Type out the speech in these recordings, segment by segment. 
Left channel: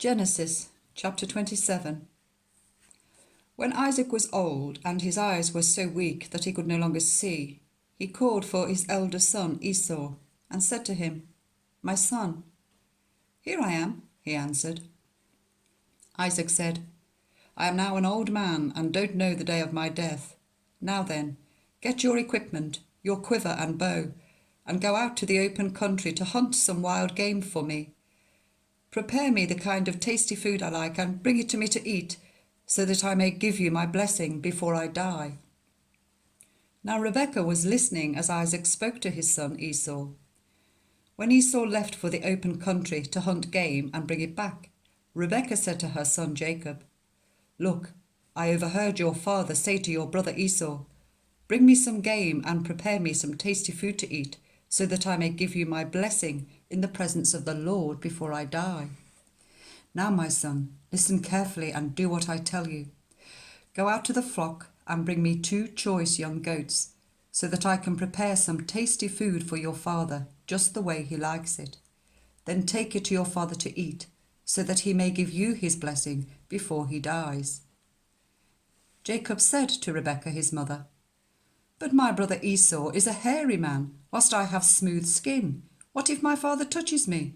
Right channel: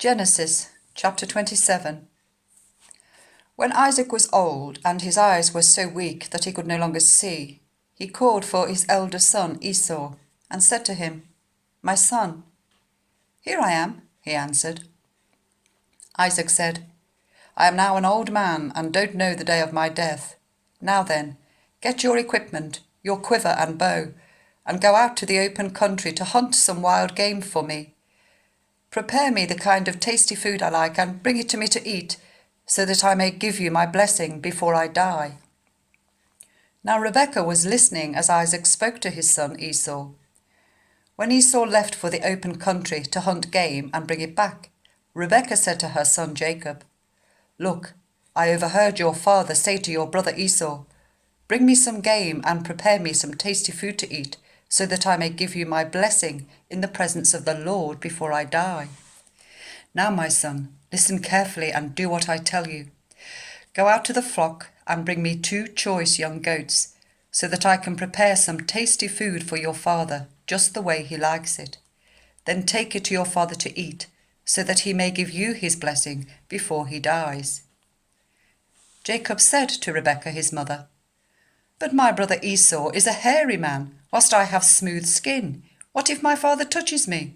Genesis chapter 27. When Isaac was old and his eyes were so weak that he could no longer see, he called for his elder son Esau and said to him, "My son." "Here I am," he answered. Isaac said, "I am now an old man and don't know the day of my death. Now then, get your equipment, your quiver and bow, and go out to the open country to hunt some wild game for me. Prepare me the kind of tasty food I like and bring it to me to eat, so that I may give you my blessing before I die." Now Rebekah was listening as Isaac spoke to his son Esau. When Esau left for the open country to hunt game and bring it back, Rebekah said to her son Jacob, "Look, I overheard your father say to your brother Esau, 'Bring me some game and prepare me some tasty food to eat, so that I may give you my blessing in the presence of the Lord before I die.' Now, my son, listen carefully and do what I tell you. Go out to the flock and bring me 2 choice young goats, so that I can prepare some tasty food for your father, just the way he likes it. Then take it to your father to eat, so that he may give you his blessing before he dies." Jacob said to Rebekah his mother, "But my brother Esau is a hairy man, whilst I have smooth skin. What if my father touches me?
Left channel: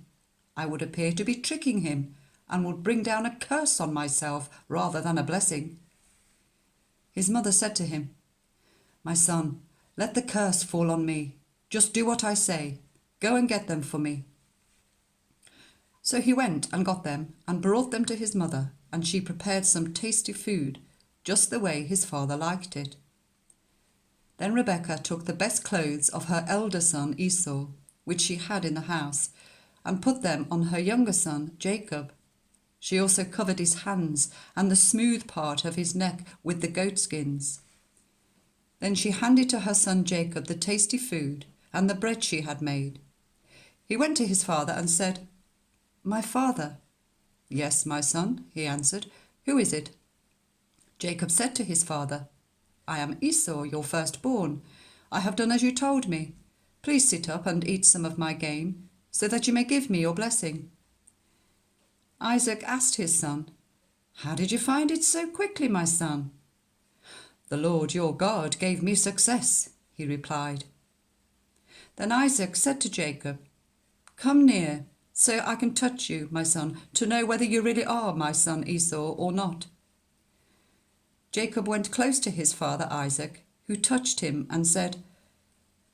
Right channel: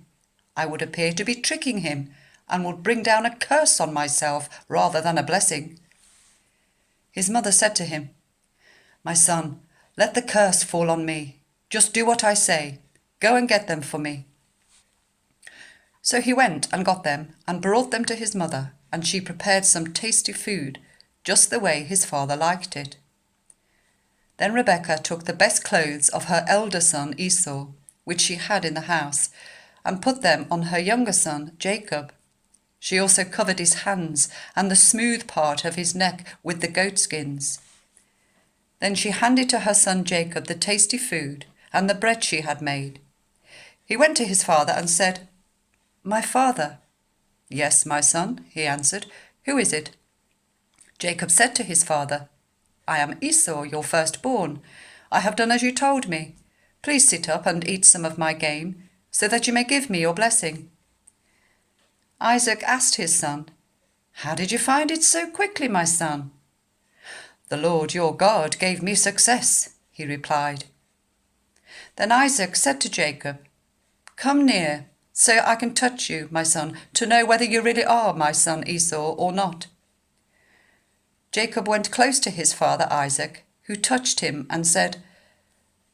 I would appear to be tricking him, and would bring down a curse on myself rather than a blessing." His mother said to him, "My son, let the curse fall on me. Just do what I say. Go and get them for me." So he went and got them and brought them to his mother, and she prepared some tasty food, just the way his father liked it. Then Rebekah took the best clothes of her elder son Esau, which she had in the house, and put them on her younger son Jacob. She also covered his hands and the smooth part of his neck with the goatskins. Then she handed to her son Jacob the tasty food and the bread she had made. He went to his father and said, "My father." "Yes, my son," he answered. "Who is it?" Jacob said to his father, "I am Esau, your firstborn. I have done as you told me. Please sit up and eat some of my game, so that you may give me your blessing." Isaac asked his son, "How did you find it so quickly, my son?" "The Lord your God gave me success," he replied. Then Isaac said to Jacob, "Come near, so I can touch you, my son, to know whether you really are my son Esau or not." Jacob went close to his father Isaac, who touched him and said,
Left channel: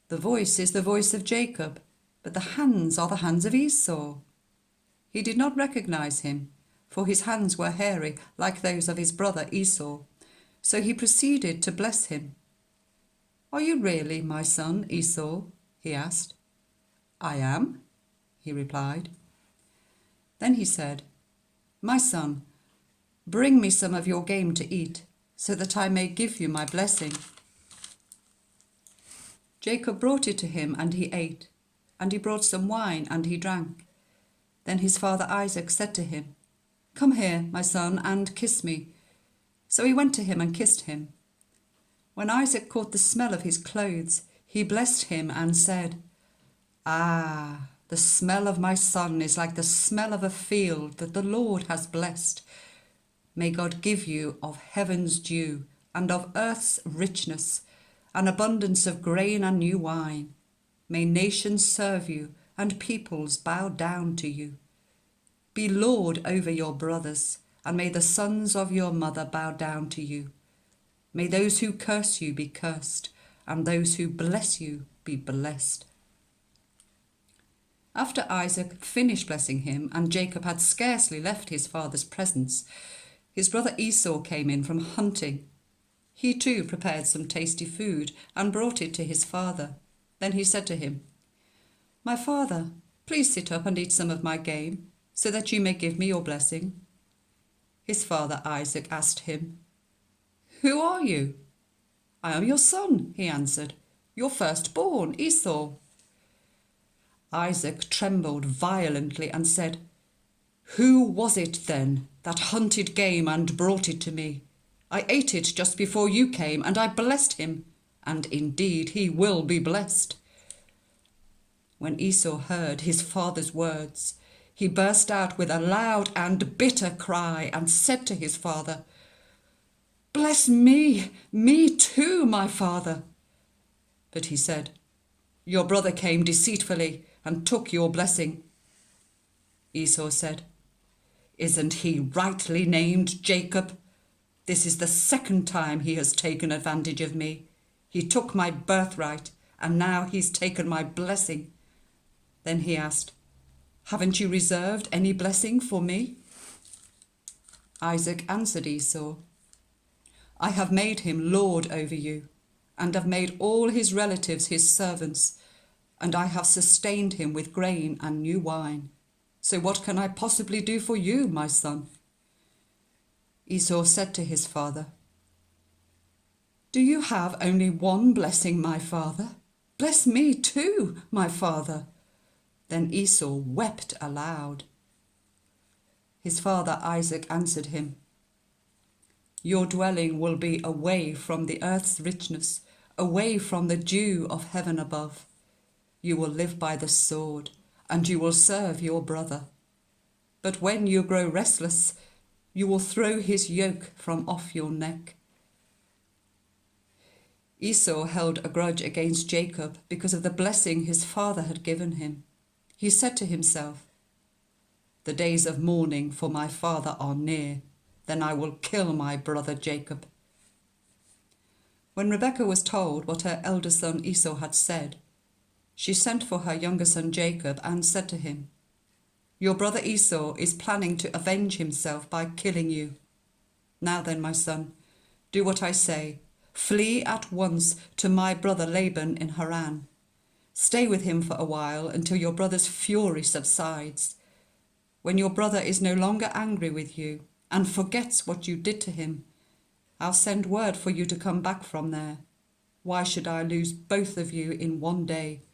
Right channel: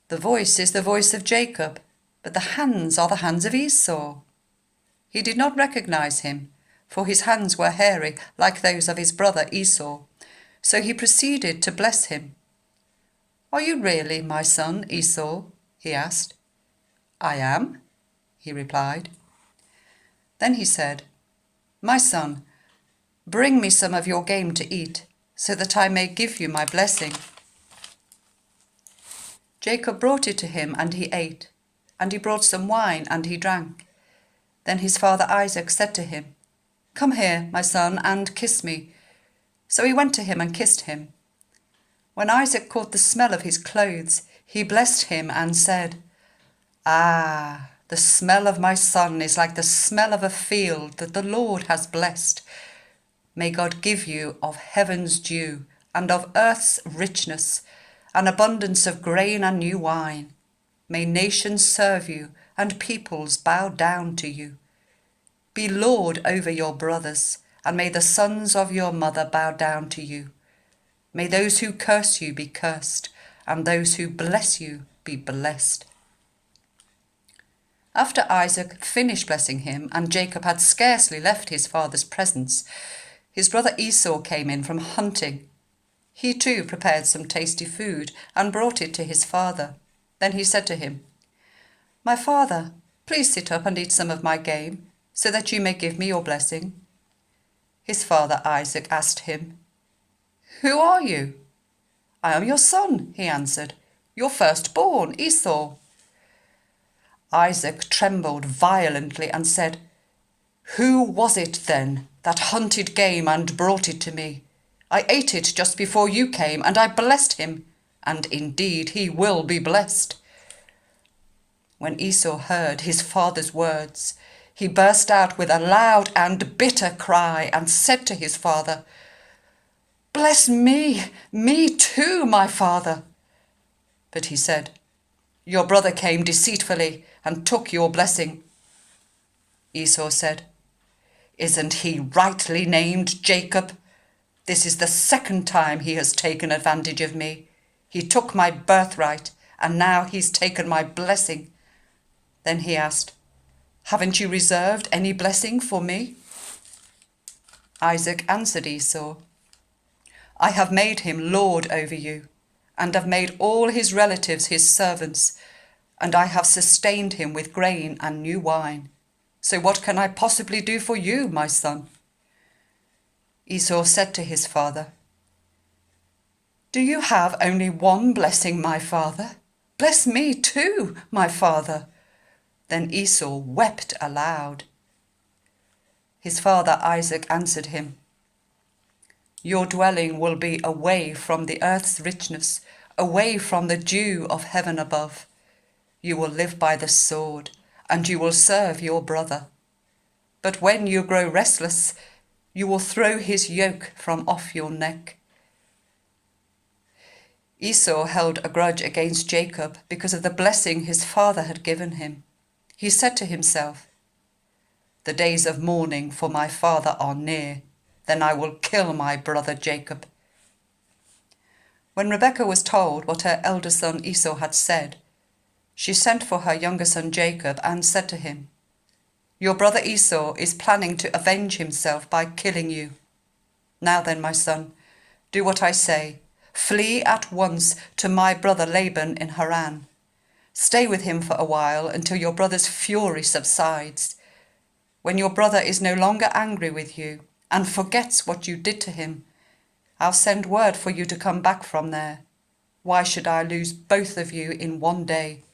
"The voice is the voice of Jacob, but the hands are the hands of Esau." He did not recognize him, for his hands were hairy like those of his brother Esau, so he proceeded to bless him. "Are you really my son Esau?" he asked. "I am," he replied. Then he said, "My son, bring me some of your game to eat, so that I may give you my blessing." Jacob brought it to him, and he ate, and he brought some wine, and he drank. Then his father Isaac said to him, "Come here, my son, and kiss me." So he went to him and kissed him. When Isaac caught the smell of his clothes, he blessed him and said, "Ah, the smell of my son is like the smell of a field that the Lord has blessed. May God give you of heaven's dew and of earth's richness, an abundance of grain and new wine. May nations serve you and peoples bow down to you. Be Lord over your brothers, and may the sons of your mother bow down to you. May those who curse you be cursed, and those who bless you be blessed." After Isaac finished blessing him, and Jacob had scarcely left his father's presence, his brother Esau came in from hunting. He too prepared some tasty food and brought it to his father. Then he said to him, "My father, please sit up and eat some of my game, so that you may give me your blessing." His father Isaac asked him, "Who are you?" "I am your son," he answered, "your firstborn, Esau." Isaac trembled violently and said, "Who was it then that hunted game and brought it to me? I ate it just before you came, and I blessed him, and indeed he will be blessed." When Esau heard his father's words, he burst out with a loud and bitter cry and said to his father, "Bless me, me too, my father." But he said, "Your brother came deceitfully and took your blessing." Esau said, "Isn't he rightly named Jacob? This is the second time he has taken advantage of me. He took my birthright, and now he's taken my blessing." Then he asked, "Haven't you reserved any blessing for me?" Isaac answered Esau, "I have made him lord over you, and have made all his relatives his servants, and I have sustained him with grain and new wine. So what can I possibly do for you, my son?" Esau said to his father, "Do you have only one blessing, my father? Bless me too, my father." Then Esau wept aloud. His father Isaac answered him, "Your dwelling will be away from the earth's richness, away from the dew of heaven above. You will live by the sword, and you will serve your brother. But when you grow restless, you will throw his yoke from off your neck." Esau held a grudge against Jacob because of the blessing his father had given him. He said to himself, "The days of mourning for my father are near. Then I will kill my brother Jacob." When Rebekah was told what her elder son Esau had said, she sent for her younger son Jacob and said to him, "Your brother Esau is planning to avenge himself by killing you. Now then, my son, do what I say. Flee at once to my brother Laban in Haran. Stay with him for a while until your brother's fury subsides. When your brother is no longer angry with you and forgets what you did to him, I'll send word for you to come back from there. Why should I lose both of you in one day?"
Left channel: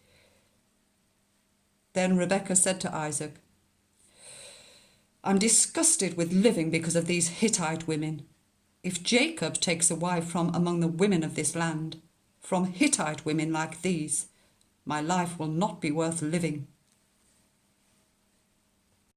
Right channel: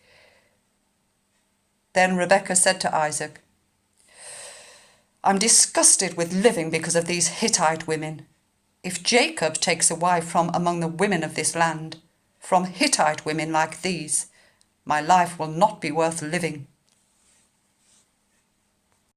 Then Rebekah said to Isaac, "I'm disgusted with living because of these Hittite women. If Jacob takes a wife from among the women of this land, from Hittite women like these, my life will not be worth living."